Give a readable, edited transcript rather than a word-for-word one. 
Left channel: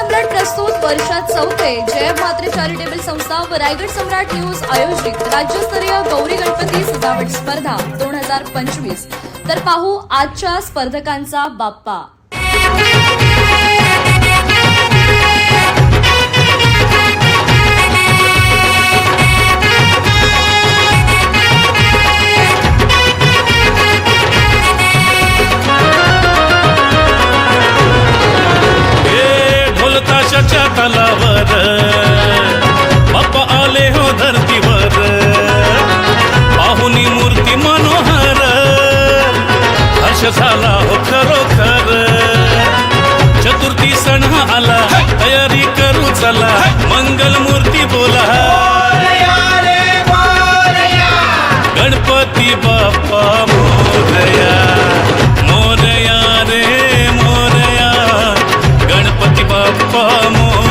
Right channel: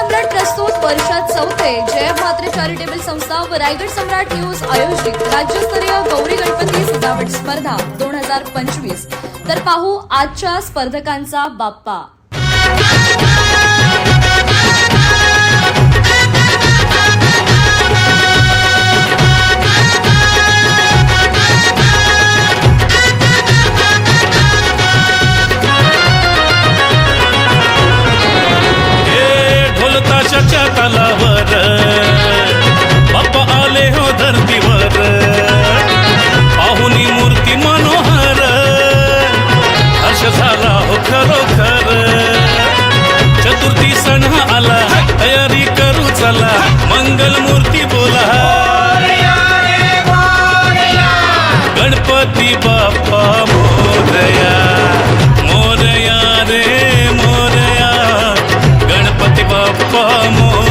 सम्राट प्रस्तुत वर्षात चौथे जय म्हात्रे चॅरिटेबल संस्था व रायगड सम्राट न्यूज आयोजित राज्यस्तरीय गौरी गणपती सजावट स्पर्धा 2025। तर पाहू आजच्या स्पर्धकांचा बाप्पा। ताशाच्या तालावर बाप्पा आले हो धरतीवर, पाहुनी मूर्ती मनोहर, हर्ष झाला हो खरोखर। चतुर्थी सण आला, तयारी करू चला, मंगल मूर्ती बोला, गणपती बाप्पा मोरया, मोरया रे मोरया, गणपती बाप्पा मोरया।